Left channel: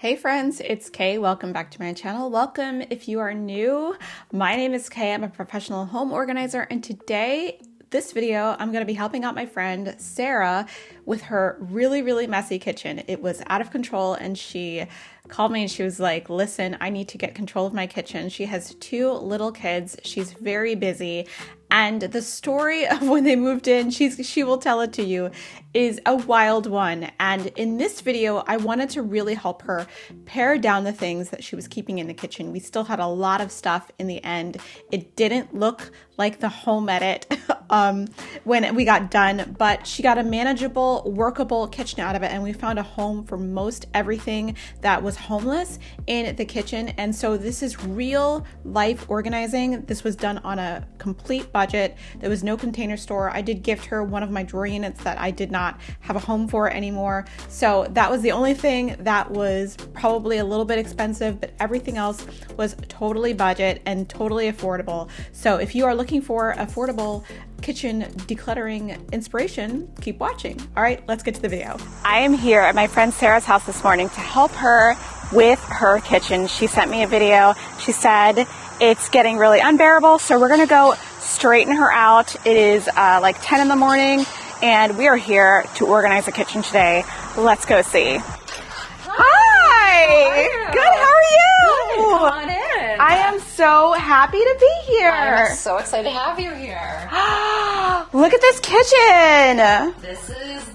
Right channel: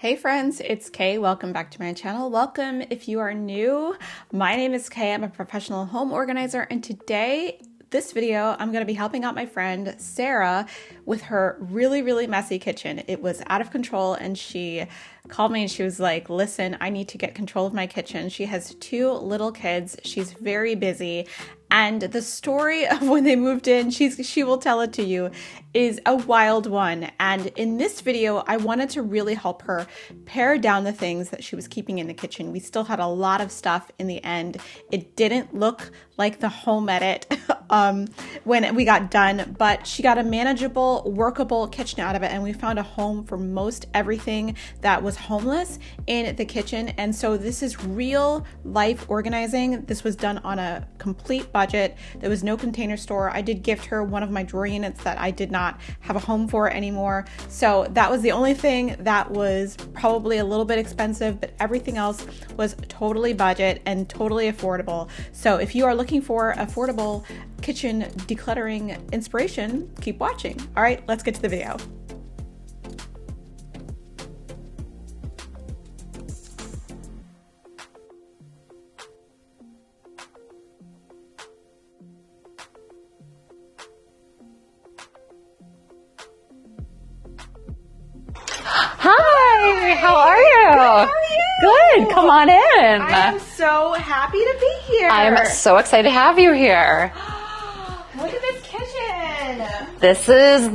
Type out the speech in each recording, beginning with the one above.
Hey friends, it's Kay. Welcome back to my channel. Welcome if you are new. My name is Kay. I'm a professional home organizer, and today, this video, I'm going to be helping out my friend Sarah with her really messy kitchen. It was out of control, and she called me and she was like, listen, I need to get control of my kitchen. She has 2 little kids. She's very busy. And the story of when they moved in, she will tell it to you, is a wild one. And in this video, I wanted to really help her pare down the things that she was keeping in the kitchen. We still had a lot of stuff in the end. It didn't look like the home edit when we got done, but she got a manageable, workable kitchen out of it. And we found a home for most everything that was homeless in the kitchen. And so this is real life organizing. This was done on a complete budget. There was no container store. I did gift her one of my drawer units that I did not have a home for anymore. So that was the only thing that was probably a little bit expensive, but everything else was totally budget and totally affordable. So if you are looking for affordable kitchen decluttering inspiration, keep watching. All right, let's get to the video. I am here at my friend Sarah's house this morning to help her with her kitchen. She sent me a video. She said it's getting really unbearable, so we're gonna go straighten her out. It is like 10 in the morning, and we are here to organize the kitchen today. Let's go see. Hi, how are you? Good, how are you? Good, come on in. I am so happy to be here. I'm so excited to have you here. Look at this kitchen. This is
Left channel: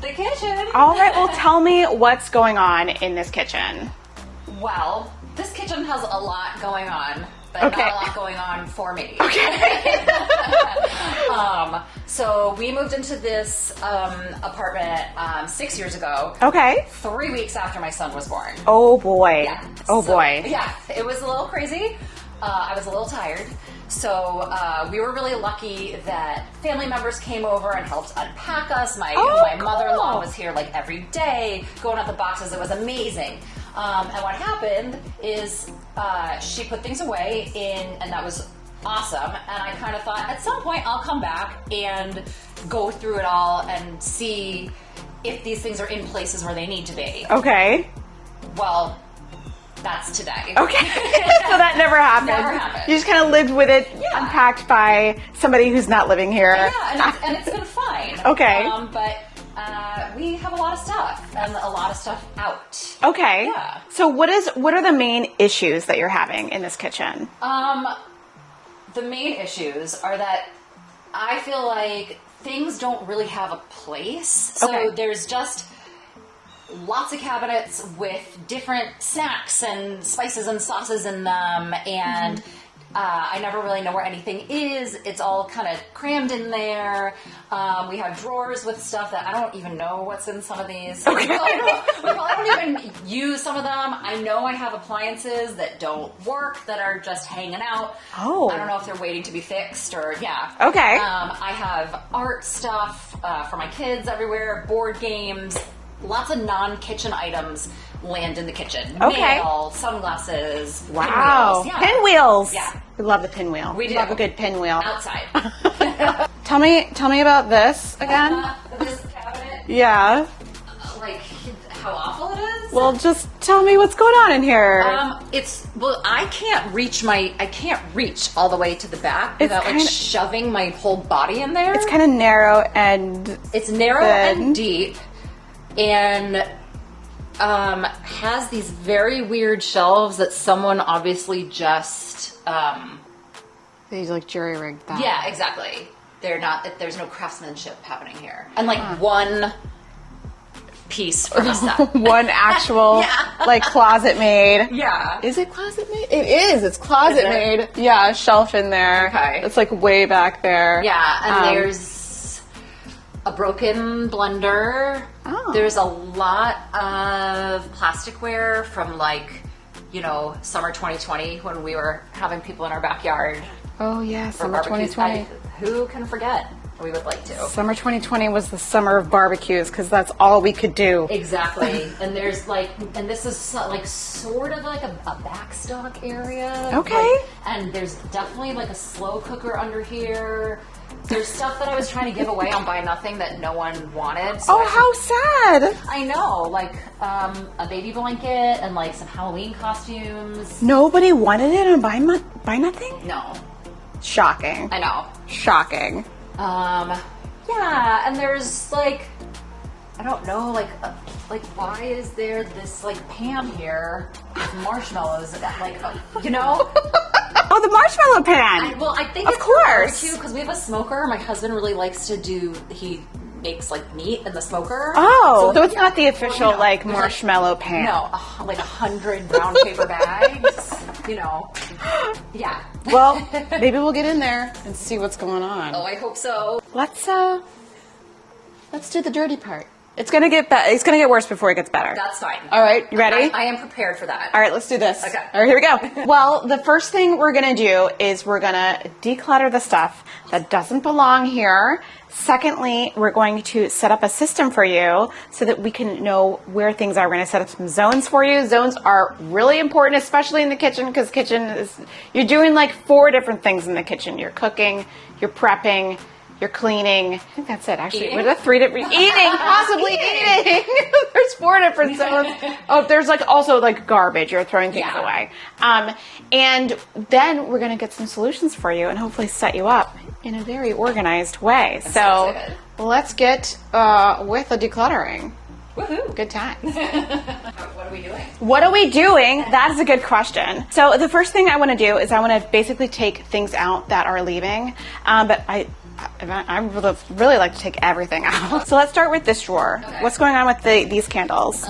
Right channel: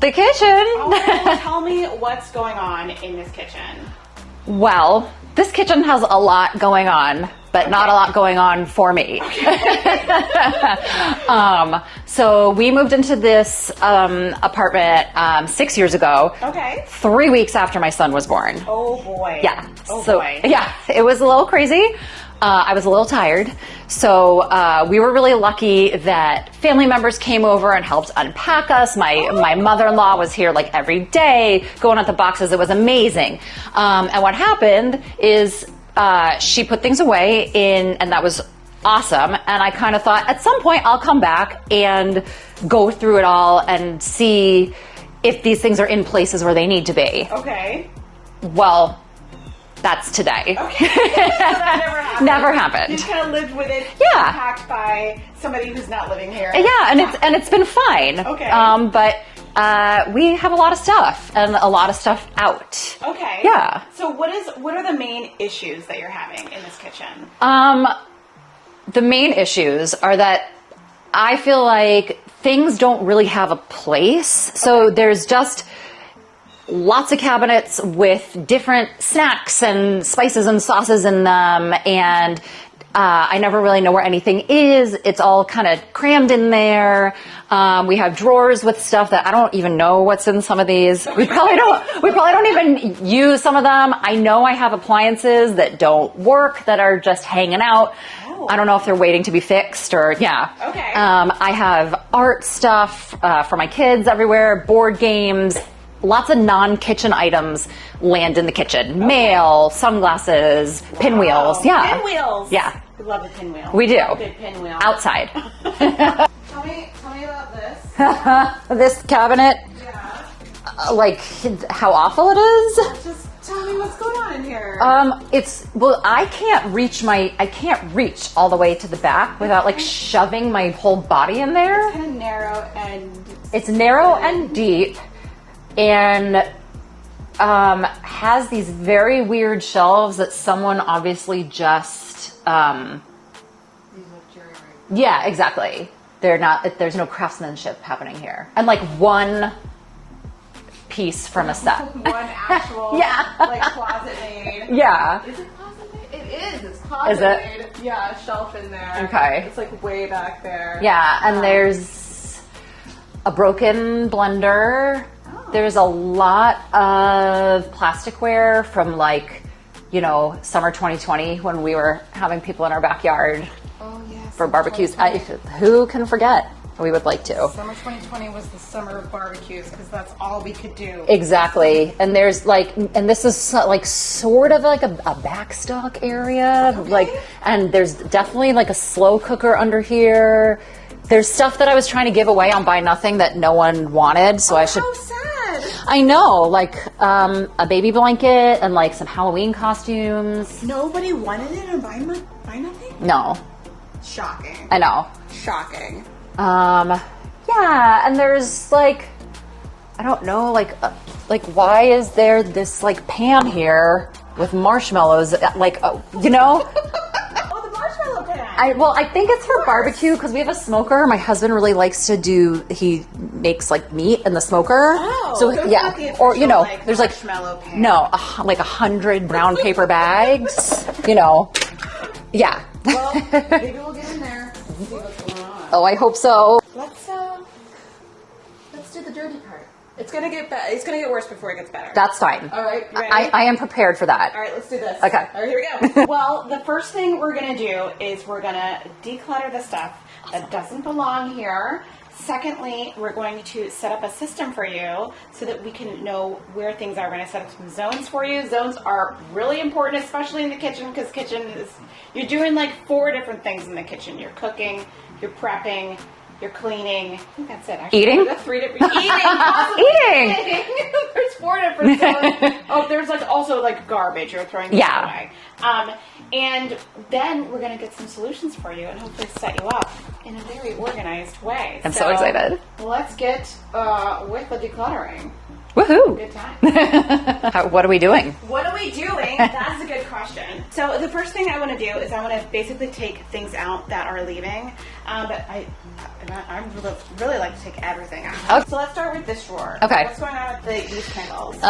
the kitchen. All right, well, tell me what's going on in this kitchen. Well, this kitchen has a lot going on, but not a lot going on for me. Okay. So we moved into this apartment 6 years ago. Okay. 3 weeks after my son was born. Oh boy. Yeah. Oh so, boy. Yeah, it was a little crazy. I was a little tired. So we were really lucky that family members came over and helped unpack us. My mother-in-law was here like every day going at the boxes. It was amazing. And what happened is she put things away and that was awesome. And I kind of thought at some point I'll come back and go through it all and see if these things are in places where they need to be. Okay. Well, that's today. Okay. So that never happened. Never happened. You just kind of lived with it. Yeah. Packed by somebody who's not living here. Yeah, and it's been fine. Okay. But we have a lot of stuff and a lot of stuff out. Okay. Yeah. So what are the main issues that you're having in this kitchen? The main issues are that I feel like things don't really have a place. So there's just lots of cabinets with different snacks and spices and sauces in them, and I never really know where anything is. It's all kind of crammed in there. We have drawers with stuff that I don't even know what's in some of these. We probably don't even use some of them. I know I have appliances that don't work, that are just hanging out. Oh. I don't know if they're waiting to be fixed or, yeah. Okay. I have art stuff for my kids everywhere, board games. Lots of non-kitchen items land in the kitchen. Okay. Mail, sunglasses, pinwheels. Yeah. Pinwheels. Yeah. We love the pinwheel. We do. Love a good pinwheel. Outside. Tell me about this again. This cabinet, Yeah. like how awful it is. Well, just tell me what's going on in here. I can't reach all the way to the back without like shoving my whole body in there. It's kind of narrow and It's narrow good. and deep, and has these very weird shelves that someone obviously just These like jury rigged. yeah, exactly. They're not. There's no craftsmanship happening here, and like one piece from a set. One actual like closet made. Yeah. Is it closet made? It is. It's closet made. Yeah, a shelf in there. Okay. It's like way back there. Yeah, and there's a broken blender. Oh. There's a lot of plasticware from like, summer 2020 when we were having people in our backyard Oh yes. for barbecues. Who can forget? We would like to. Summer 2020 was the summer of barbecues because that's all we could do. Exactly. And there's this is like sort of like a backstock area. Okay. And there's definitely like a slow cooker under here. There's stuff that I was trying to give away on Buy Nothing that no one wanted, so I should. How sad. I know, like a baby blanket and like some Halloween costumes. Nobody wanted it on Buy Nothing? No. Shocking. I know. Shocking. Yeah, and there's like, I don't know, like why is there this like pan here with marshmallows? Like, you know? Oh, the marshmallow pan. I think it's for barbecue because we have a smoker. My husband really likes to he makes like meat in the smoker. Oh, so it's not the official there's marshmallow pan. No, like 100 brown paper bags. Yeah. Well, maybe we'll get in there and see what's going on. Oh, I hope so. Let's do the dirty part. It's gonna get worse before it gets better. That's fine. All right, you ready? I am prepared for that. All right, let's do this. Okay. All right, here we go. Well, the first thing we're gonna do is we're gonna declutter the stuff that doesn't belong here. Secondly, we're going to set up a system for you so that we can know where things are. We're gonna set up some zones for you. Zones are really important, especially in the kitchen, because you're doing like 4 different things in the kitchen. You're cooking, you're prepping, you're cleaning. I think that's it. Actually, eating? There's 3 different possibly eating. There's 4 different zones. Oh, there's like also like garbage. You're throwing things away. And then we're gonna get some solutions for you and hopefully set you up in a very organized way. I'm so excited. Let's get with the decluttering. Woohoo! Good time. What are we doing? What are we doing? That's a good question. So the first thing I want to do is I want to basically take things out that are leaving, but I would really like to take everything out. So let's start with this drawer. Okay. What's going on with these candles?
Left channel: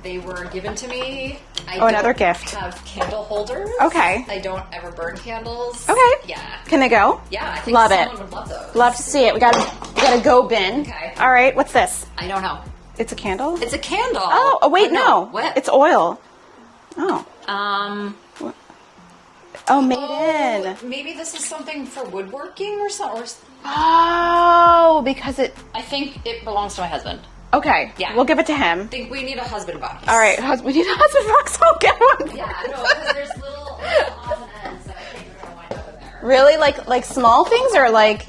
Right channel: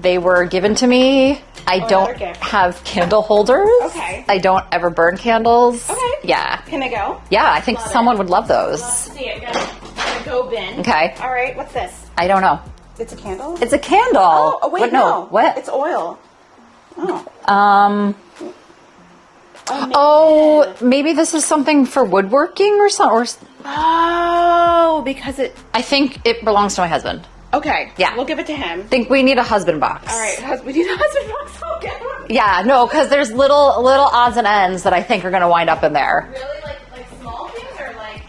They were given to me. I don't gift. have candle holders. Okay. I don't ever burn candles. Okay. Yeah. Can they go? Yeah, I think someone would love those. Love to see it. We got a go bin. Okay. All right. What's this? I don't know. It's a candle? It's a candle. Oh wait, no. What? It's oil. Oh. Oh, man. Oh, maybe this is something for woodworking or something. Oh, because I think it belongs to my husband. Okay. Yeah. We'll give it to him. I think we need a husband box. All right. We need a husband box. I'll get one. Yeah, no, because there's little odds and ends that I think are going to wind up in there. Really? Like small things or like?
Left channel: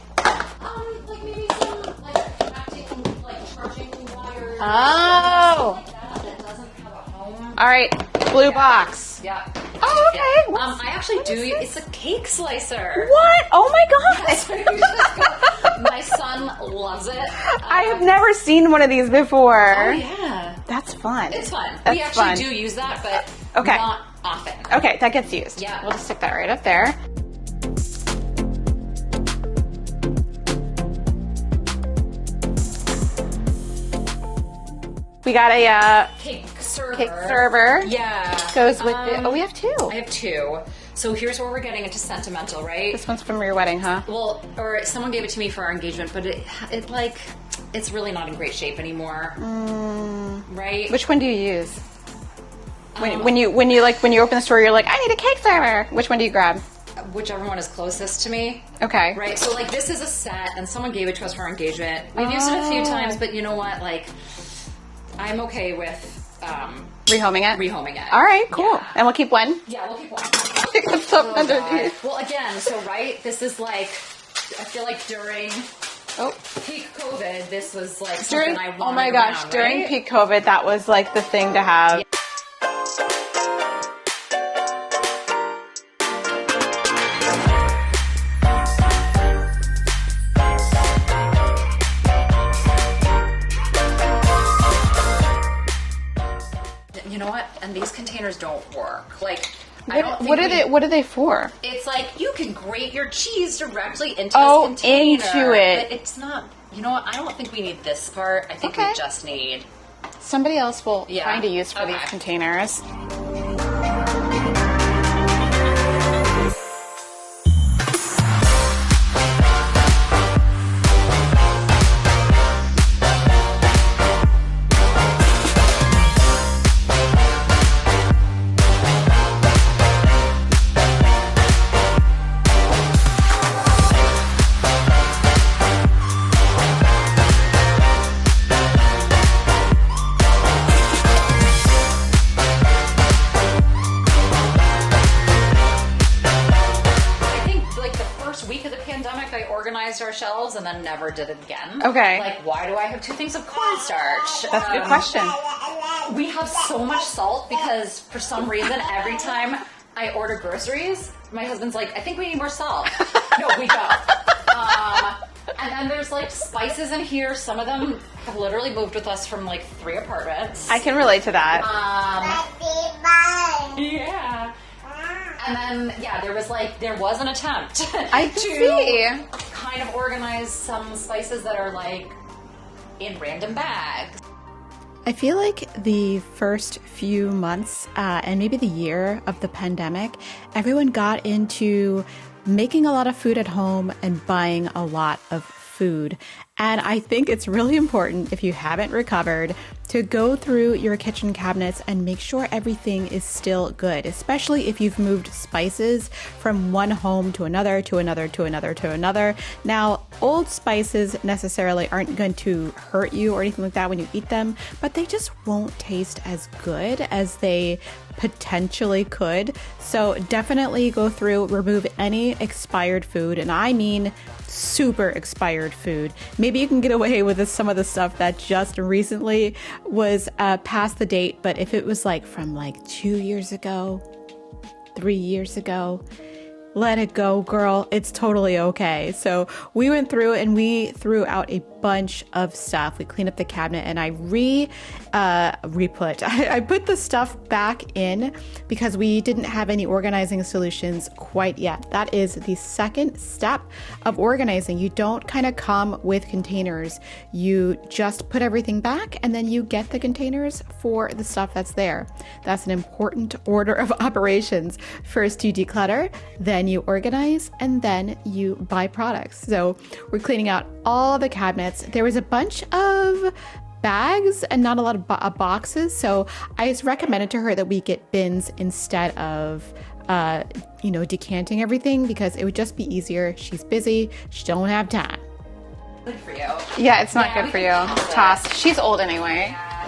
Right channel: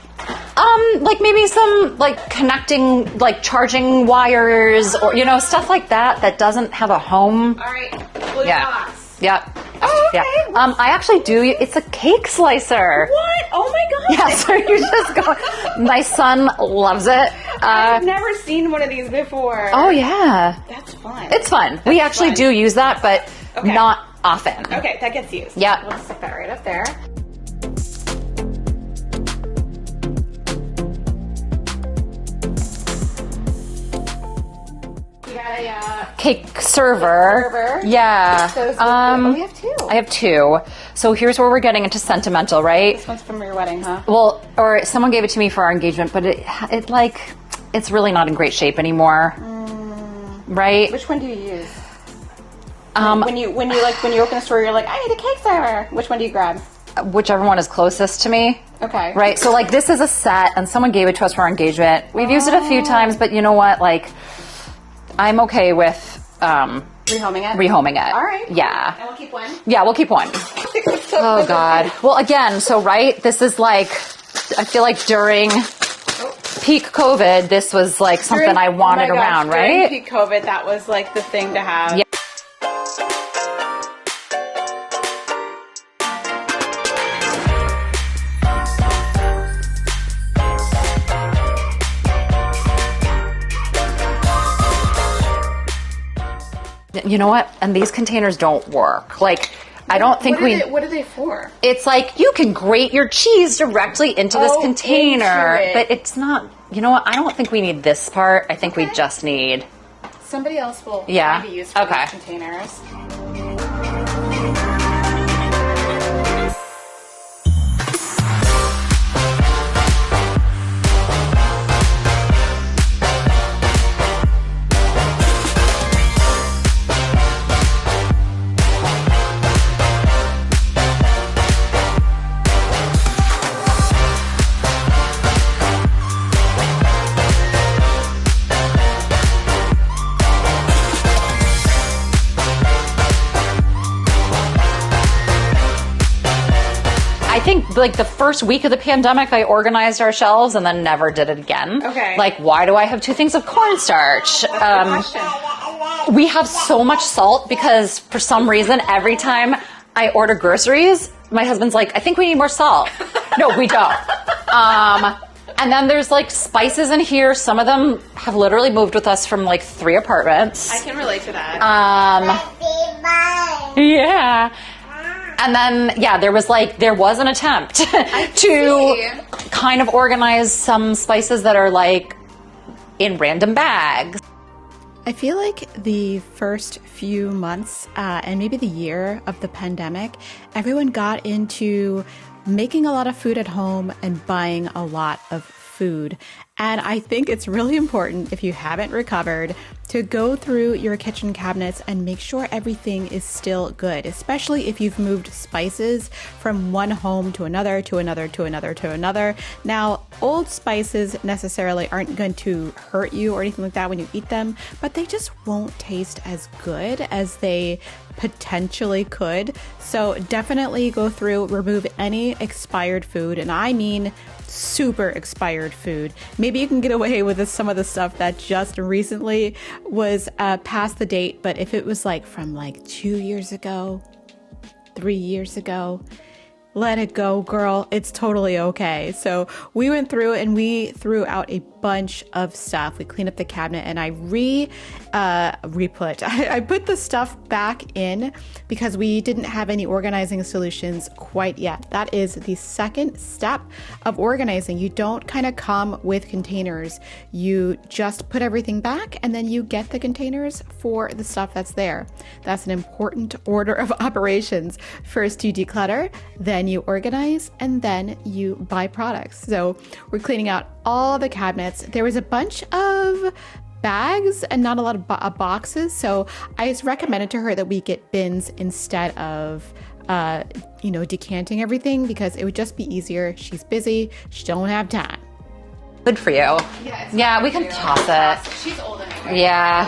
Like maybe some like connecting, like charging wires or, stuff like that doesn't have a home. All right. Blue box. Yep. Oh, okay. Yeah. I actually do. It's a cake slicer. What? Oh my God. Yeah, so you just go. My son loves it. I've never seen one of these before. Oh, yeah. That's fun. It's fun. We actually do use that, but not often. Okay, that gets used. Yeah. We'll stick that right up there. We got a cake server. Yeah. We have 2. I have 2. So here's where we're getting into sentimental, right? This one's from your wedding, huh? Well, or someone gave it to me for our engagement, but it's really not in great shape anymore. Right? Which one do you use? When you open the store, you're like, I need a cake server. Which one do you grab? Whichever one is closest to me. Okay. Right. So this is a set, and someone gave it to us for our engagement. We've used it a few times, but you know what? I'm okay with rehoming it. All right. Cool. Yeah. And we'll keep one. Yeah, we'll keep one. Oh God. Well, again, so this is I feel like during peak COVID, this was something I wanted around, right? During peak COVID, that was the thing to have. Yeah. You know what? And these containers don't work. I don't think What are they for? It's you can grate your cheese directly into this container. But it's not, you know what? I don't think we need this part. I think we just need... Somebody else will find a use for these containers. like the first week of the pandemic, I organized our shelves and then never did it again. Okay. Like, why do I have 2 things of cornstarch? That's a good question. We have so much salt because for some reason, every time I order groceries, my husband's like, I think we need more salt. No, we don't. And then there's like spices in here. Some of them have literally moved with us from like 3 apartments. I can relate to that. Yeah. And then, yeah, there was an attempt to kind of organize some spices that are like in random bags. I feel like the first few months and maybe the year of the pandemic, everyone got into making a lot of food at home and buying a lot of food. And I think it's really important, if you haven't recovered, to go through your kitchen cabinets and make sure everything is still good, especially if you've moved spices from one home to another, to another, to another, to another. Now, old spices necessarily aren't going to hurt you or anything like that when you eat them, but they just won't taste as good as they potentially could. So definitely go through, remove any expired food, and I mean super expired food. Maybe you can get away with some of the stuff that just recently was past the date, but if it was like from like 2 years ago, 3 years ago, let it go, girl. It's totally okay. So we went through and we threw out a bunch of stuff. We cleaned up the cabinet and I I put the stuff back in because we didn't have any organizing solutions quite yet. That is the second step of organizing. You don't kind of come with containers. You just put everything back and then you get the containers for the stuff that's there. That's an important order of operations. First you declutter, then you organize, and then you buy products. So we're cleaning out all the cabinets. There was a bunch of bags and not a lot of boxes. So I just recommended to her that we get bins instead of, decanting everything because it would just be easier. She's busy. She don't have time. Good for you. Yeah, it's not good for you. Toss it. She's old anyway. Yeah.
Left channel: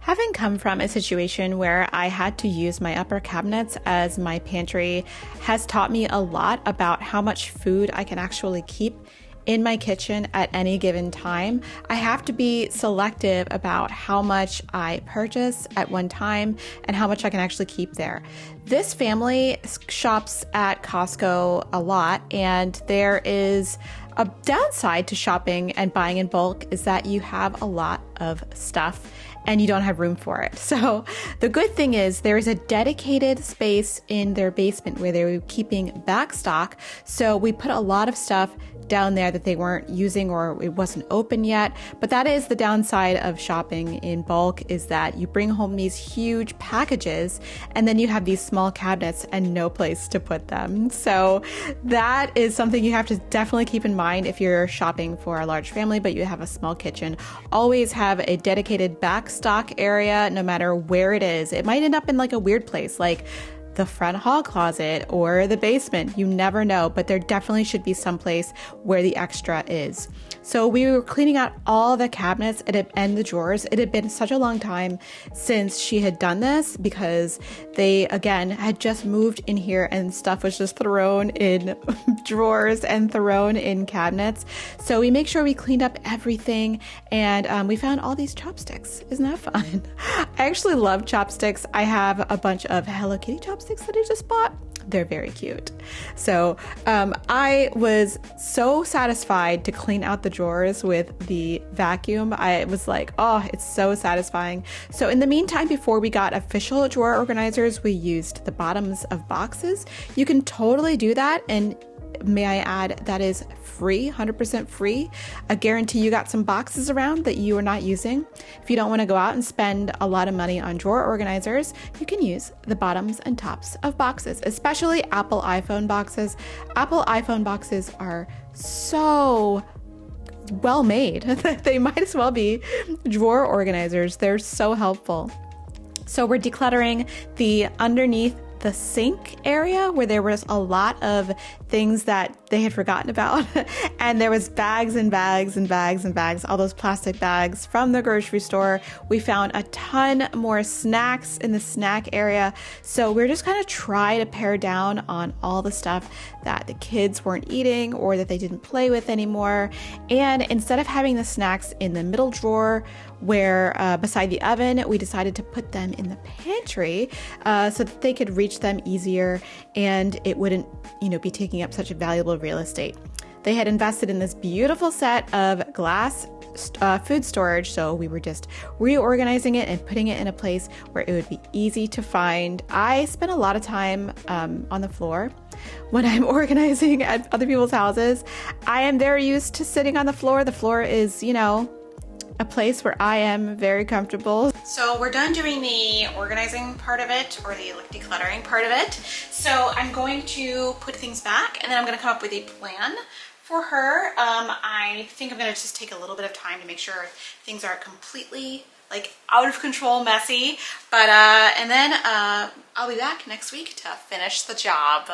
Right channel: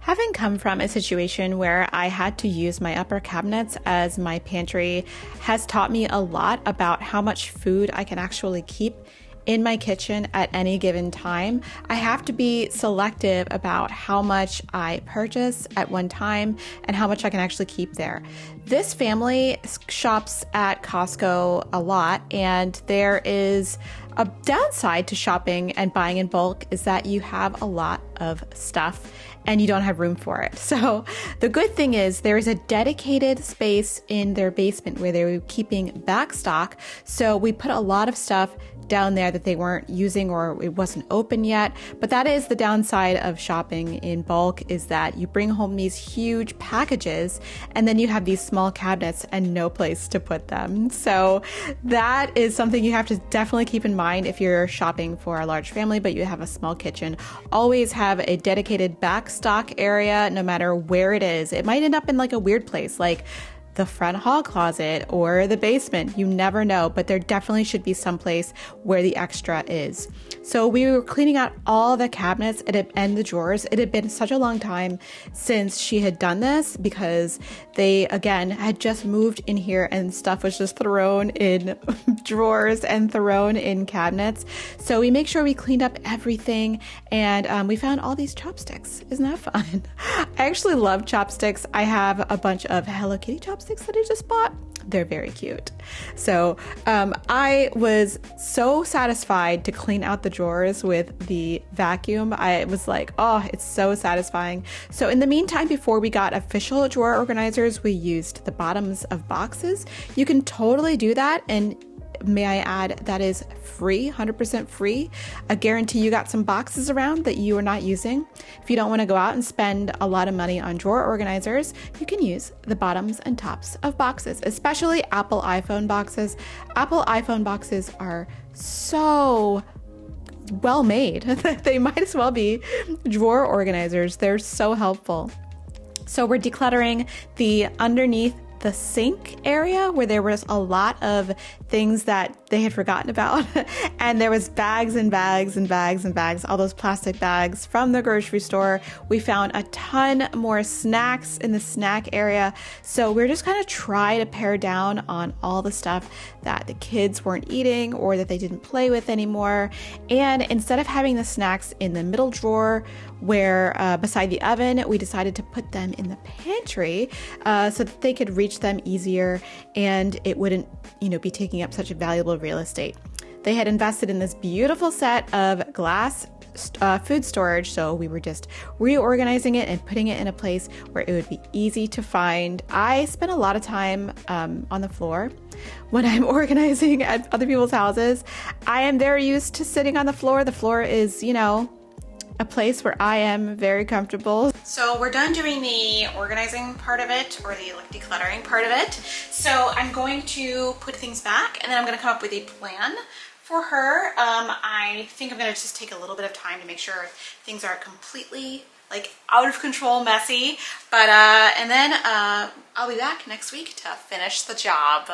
Having come from a situation where I had to use my upper cabinets as my pantry has taught me a lot about how much food I can actually keep in my kitchen at any given time. I have to be selective about how much I purchase at one time and how much I can actually keep there. This family shops at Costco a lot, and there is a downside to shopping and buying in bulk is that you have a lot of stuff and you don't have room for it. So the good thing is there is a dedicated space in their basement where they were keeping back stock. So we put a lot of stuff down there that they weren't using or it wasn't open yet. But that is the downside of shopping in bulk, is that you bring home these huge packages and then you have these small cabinets and no place to put them. So that is something you have to definitely keep in mind if you're shopping for a large family, but you have a small kitchen. Always have a dedicated back stock area, no matter where it is. It might end up in like a weird place, like the front hall closet or the basement. You never know, but there definitely should be some place where the extra is. So we were cleaning out all the cabinets and the drawers. It had been such a long time since she had done this because they, again, had just moved in here and stuff was just thrown in drawers and thrown in cabinets. So we make sure we cleaned up everything, and we found all these chopsticks. Isn't that fun? I actually love chopsticks. I have a bunch of Hello Kitty chopsticks that I just bought. They're very cute. So I was so satisfied to clean out the drawers with the vacuum. I was like, oh, it's so satisfying. So in the meantime, before we got official drawer organizers, we used the bottoms of boxes. You can totally do that, and may I add, that is free, 100% free. I guarantee you got some boxes around that you are not using. If you don't want to go out and spend a lot of money on drawer organizers, you can use the bottoms and tops of boxes, especially Apple iPhone boxes. Apple iPhone boxes are so well made that they might as well be drawer organizers. They're so helpful. So we're decluttering the underneath the sink area where there was a lot of things that they had forgotten about. And there was bags and bags and bags and bags, all those plastic bags from the grocery store. We found a ton more snacks in the snack area. So we're just kind of trying to pare down on all the stuff that the kids weren't eating or that they didn't play with anymore. And instead of having the snacks in the middle drawer where beside the oven, we decided to put them in the pantry so that they could reach them easier and it wouldn't, be taking up such a valuable real estate. They had invested in this beautiful set of glass food storage, so we were just reorganizing it and putting it in a place where it would be easy to find. I spend a lot of time on the floor when I'm organizing at other people's houses. I am very used to sitting on the floor. The floor is, a place where I am very comfortable. So we're done doing the organizing part of it, or the decluttering part of it. So I'm going to put things back and then I'm going to come up with a plan for her. I think I'm going to just take a little bit of time to make sure things are completely out of control messy. But and then I'll be back next week to finish the job.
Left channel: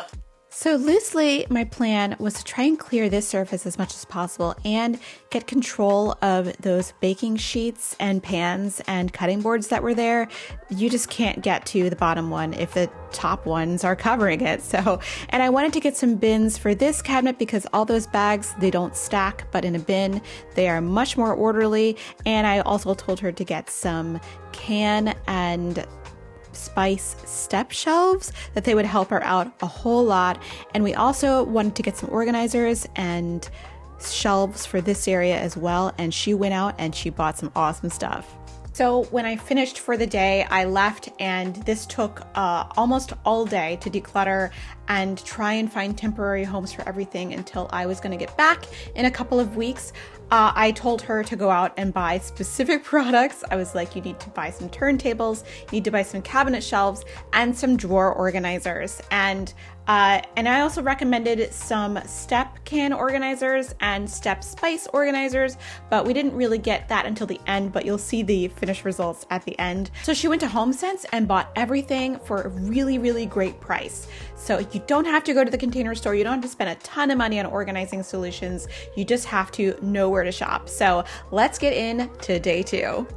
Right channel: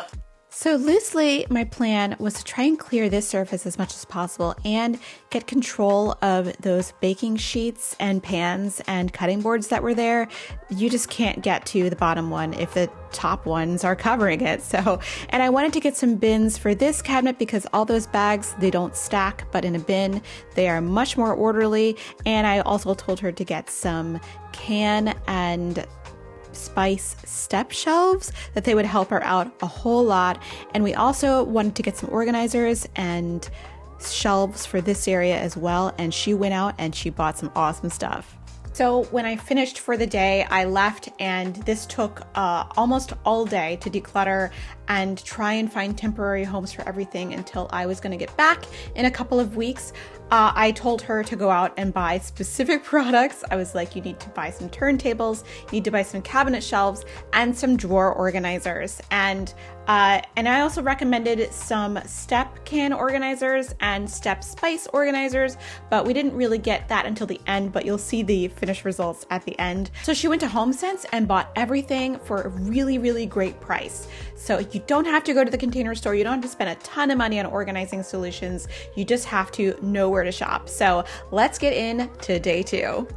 So loosely, my plan was to try and clear this surface as much as possible and get control of those baking sheets and pans and cutting boards that were there. You just can't get to the bottom one if the top ones are covering it. And I wanted to get some bins for this cabinet because all those bags, they don't stack, but in a bin, they are much more orderly. And I also told her to get some can and spice step shelves that they would help her out a whole lot. And we also wanted to get some organizers and shelves for this area as well. And she went out and she bought some awesome stuff. So when I finished for the day, I left, and this took almost all day to declutter and try and find temporary homes for everything until I was going to get back in a couple of weeks. I told her to go out and buy specific products. I was like, you need to buy some turntables, you need to buy some cabinet shelves, and some drawer organizers. And I also recommended some step can organizers and step spice organizers, but we didn't really get that until the end, but you'll see the finished results at the end. So she went to HomeSense and bought everything for a really, really great price. So you don't have to go to the Container Store. You don't have to spend a ton of money on organizing solutions. You just have to know where to shop. So let's get into day 2.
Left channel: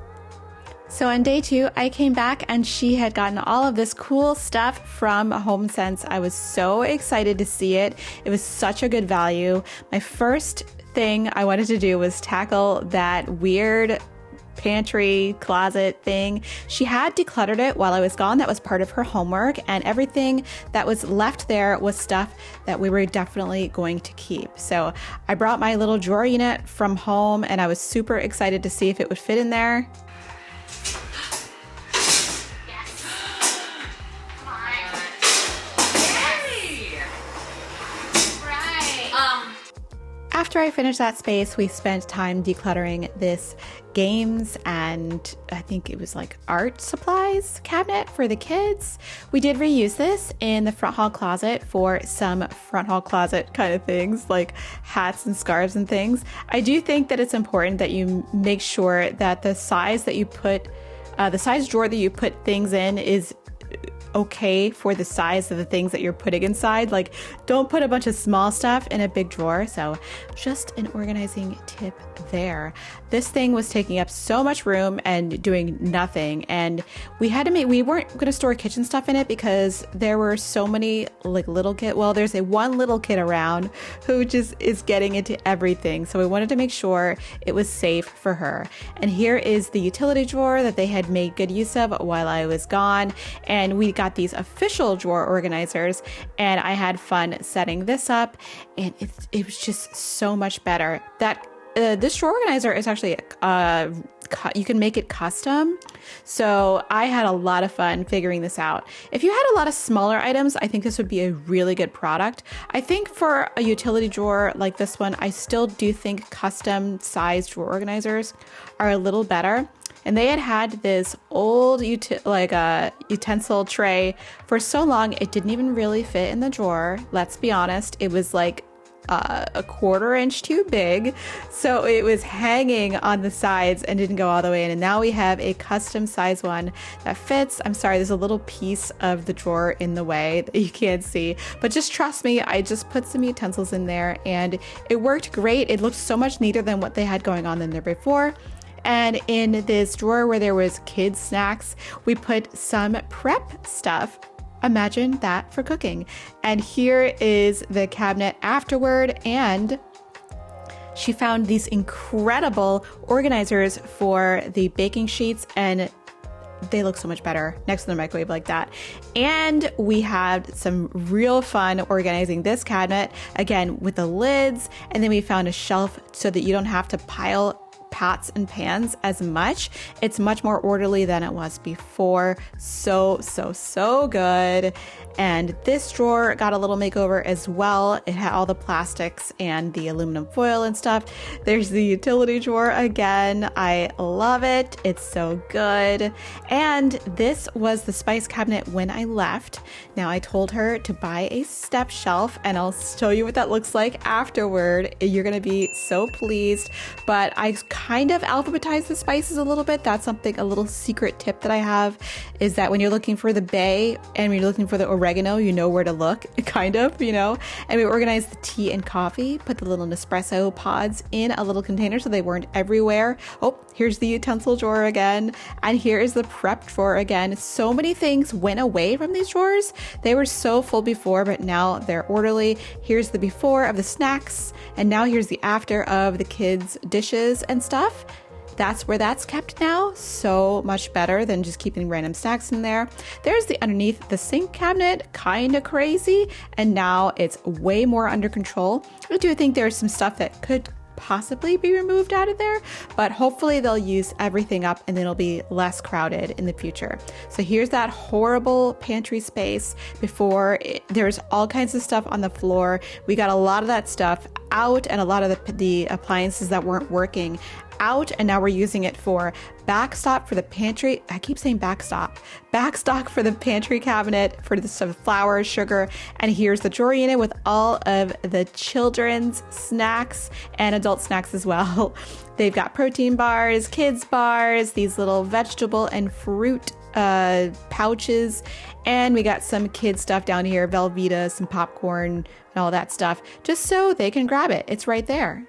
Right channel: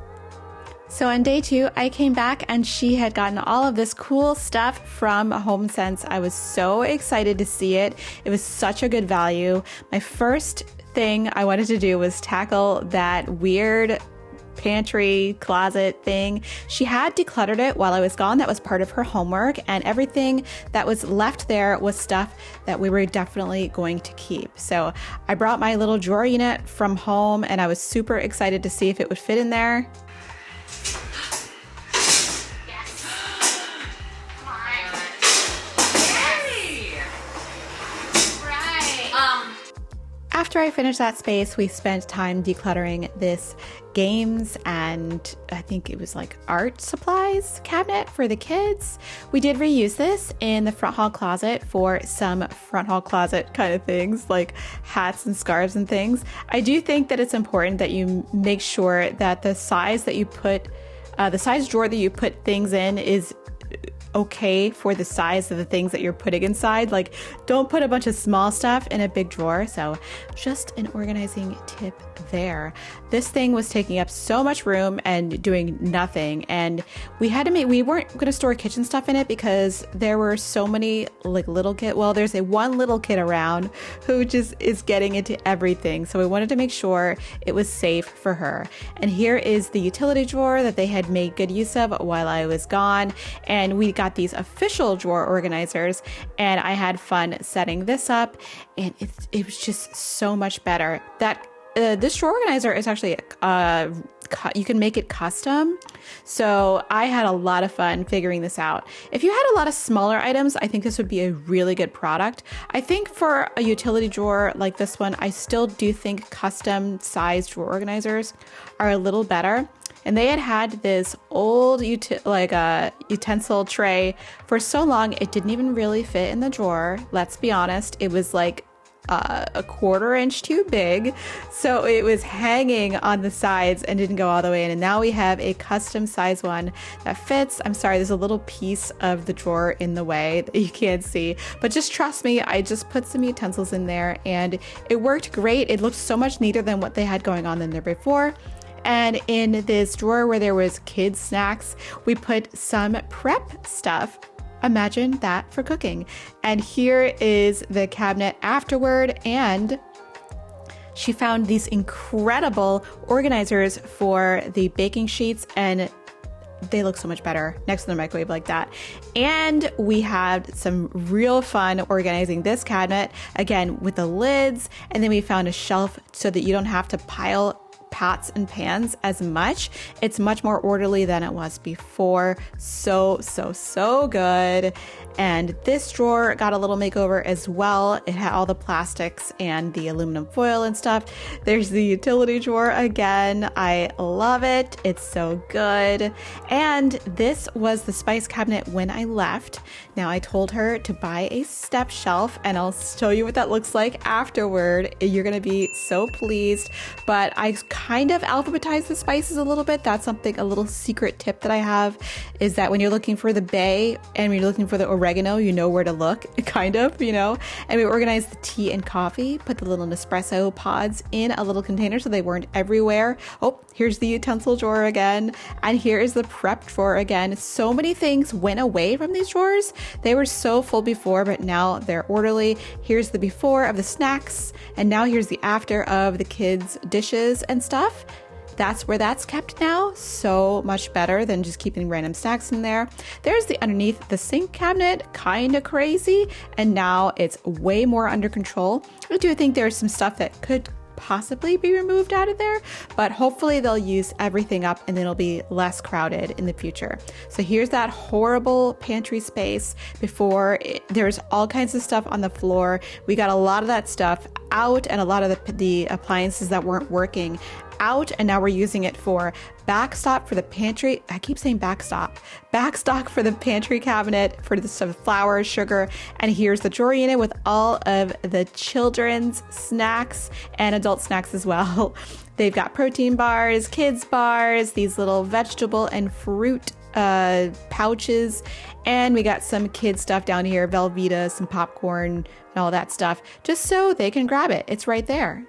So on day 2, I came back and she had gotten all of this cool stuff from HomeSense. I was so excited to see it. It was such a good value. My first thing I wanted to do was tackle that weird pantry closet thing. She had decluttered it while I was gone. That was part of her homework, and everything that was left there was stuff that we were definitely going to keep. So I brought my little drawer unit from home and I was super excited to see if it would fit in there. After I finished that space, we spent time decluttering this games and I think it was art supplies cabinet for the kids. We did reuse this in the front hall closet for some front hall closet kind of things like hats and scarves and things. I do think that it's important that you make sure that the size that you put, the size drawer that you put things in is okay for the size of the things that you're putting inside. Don't put a bunch of small stuff in a big drawer. So just an organizing tip there. This thing was taking up so much room and doing nothing. And we weren't going to store kitchen stuff in it because there were so many little kid. Well, there's one little kid around who just is getting into everything. So we wanted to make sure it was safe for her. And here is the utility drawer that they had made good use of while I was gone. And we got these official drawer organizers and I had fun setting this up, and it was just so much better. That this drawer organizer is actually you can make it custom. So I had a lot of fun figuring this out. If you had a lot of smaller items, I think this would be a really good product. I think for a utility drawer like this one, I still do think custom sized drawer organizers are a little better. And they had this old utensil tray for so long, it didn't even really fit in the drawer. Let's be honest. It was a 1/4 inch too big, so it was hanging on the sides and didn't go all the way in. And now we have a custom size one that fits. I'm sorry, there's a little piece of the drawer in the way that you can't see, but just trust me, I just put some utensils in there and it worked great. It looked so much neater than what they had going on in there before. And in this drawer where there was kids snacks, we put some prep stuff. Imagine that for cooking. And here is the cabinet afterward. And she found these incredible organizers for the baking sheets, and they look so much better next to the microwave like that. And we had some real fun organizing this cabinet, again, with the lids. And then we found a shelf so that you don't have to pile pots and pans as much. It's much more orderly than it was before. So good. And this drawer got a little makeover as well. It had all the plastics and the aluminum foil and stuff. There's the utility drawer again. I love it. It's so good. And this was the spice cabinet when I left. Now I told her to buy a step shelf, and I'll show you what that looks like afterward. You're going to be so pleased. But I kind of alphabetized the spices a little bit. That's something, a little secret tip that I have, is that when you're looking for the bay and when you're looking for the oregano, you know where to look, kind of, you know. And we organized the tea and coffee, put the little Nespresso pods in a little container so they weren't everywhere. Oh, here's the utensil drawer again. And here is the prep drawer again. So many things went away from these drawers. They were so full before, but now they're orderly. Here's the before of the snacks, and now here's the after of the kids' dishes and stuff. That's where that's kept now. So much better than just keeping random snacks in there. There's the underneath the sink cabinet, kind of crazy. And now it's way more under control. I do think there's some stuff that could possibly be removed out of there, but hopefully they'll use everything up and then it'll be less crowded in the future. So here's that horrible pantry space before. There's all kinds of stuff on the floor. We got a lot of that stuff out and a lot of the appliances that weren't working out, and now we're using it for backstop for the pantry. I keep saying backstock for the pantry cabinet for the stuff, flour, sugar, and here's the drawer unit with all of the children's snacks and adult snacks as well. They've got protein bars, kids bars, these little vegetable and fruit pouches, and we got some kid stuff down here, Velveeta, some popcorn, and all that stuff, just so they can grab it. It's right there.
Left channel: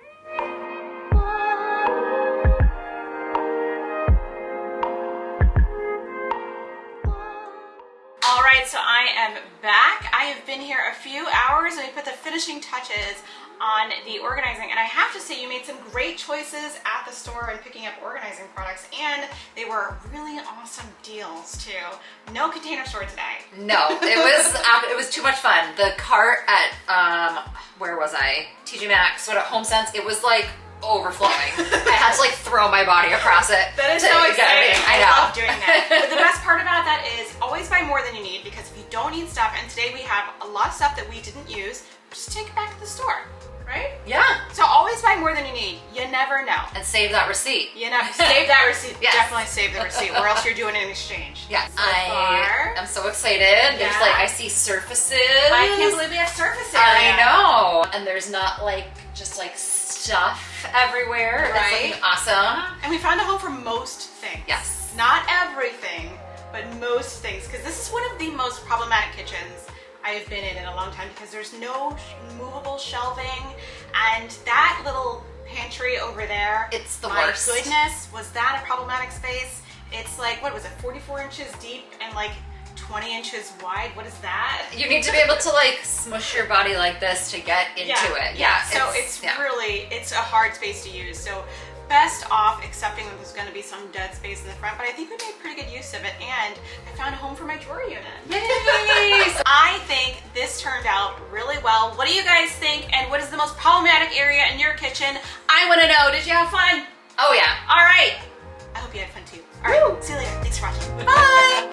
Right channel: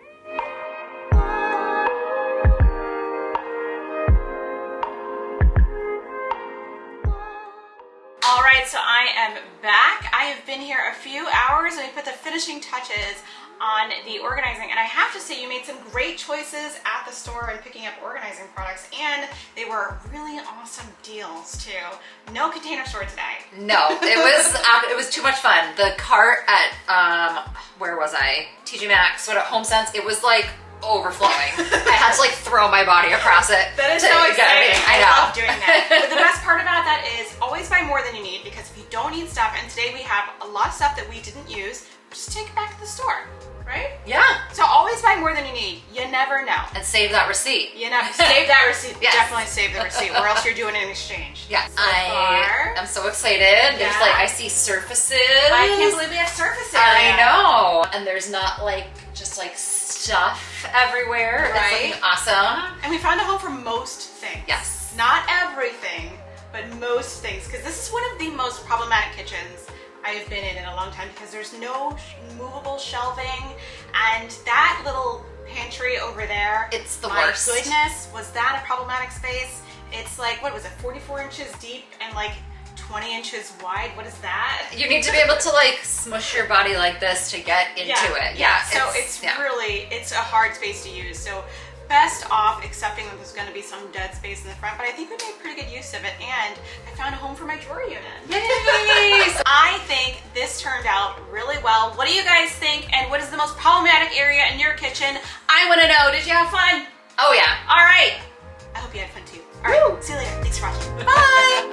All right, so I am back. I have been here a few hours and we put the finishing touches on the organizing, and I have to say you made some great choices at the store and picking up organizing products, and they were really awesome deals too. No Container Store today. No, it was too much fun. The cart at where was I? TJ Maxx, what at HomeSense, it was like overflowing. I had to like throw my body across it. That is so exciting. I know. I love doing that. But the best part about that is always buy more than you need, because if you don't need stuff, and today we have a lot of stuff that we didn't use, just take it back to the store, right? Yeah. So always buy more than you need. You never know. And save that receipt. You know, save that receipt. Yes. Definitely save the receipt, or else you're doing an exchange. Yes. So I'm so excited. There's like, I see surfaces. I can't believe we have surfaces. I know. And there's not like just like stuff everywhere. Right. It's looking awesome. And we found a home for most things. Yes. Not everything, but most things. Because this is one of the most problematic kitchens I have been in a long time, because there's no movable shelving, and that little pantry over there, it's the worst. My goodness, was that a problematic space? It's like, what was it, 44 inches deep and like 20 inches wide? What is that? You need to be able to like smush your body like this to get into it. Yeah. So it's really, it's a hard space to use. So best off accepting that there's going to be some dead space in the front, but I think we made pretty good use of it, and I found a home for my drawer unit. Yay! I think this turned out really well. What do you guys think, and what is the most problematic area in your kitchen? I want to know. Did you have fun? Oh yeah. All right. I hope you had fun too. All right. See you later. Thanks for watching. Bye.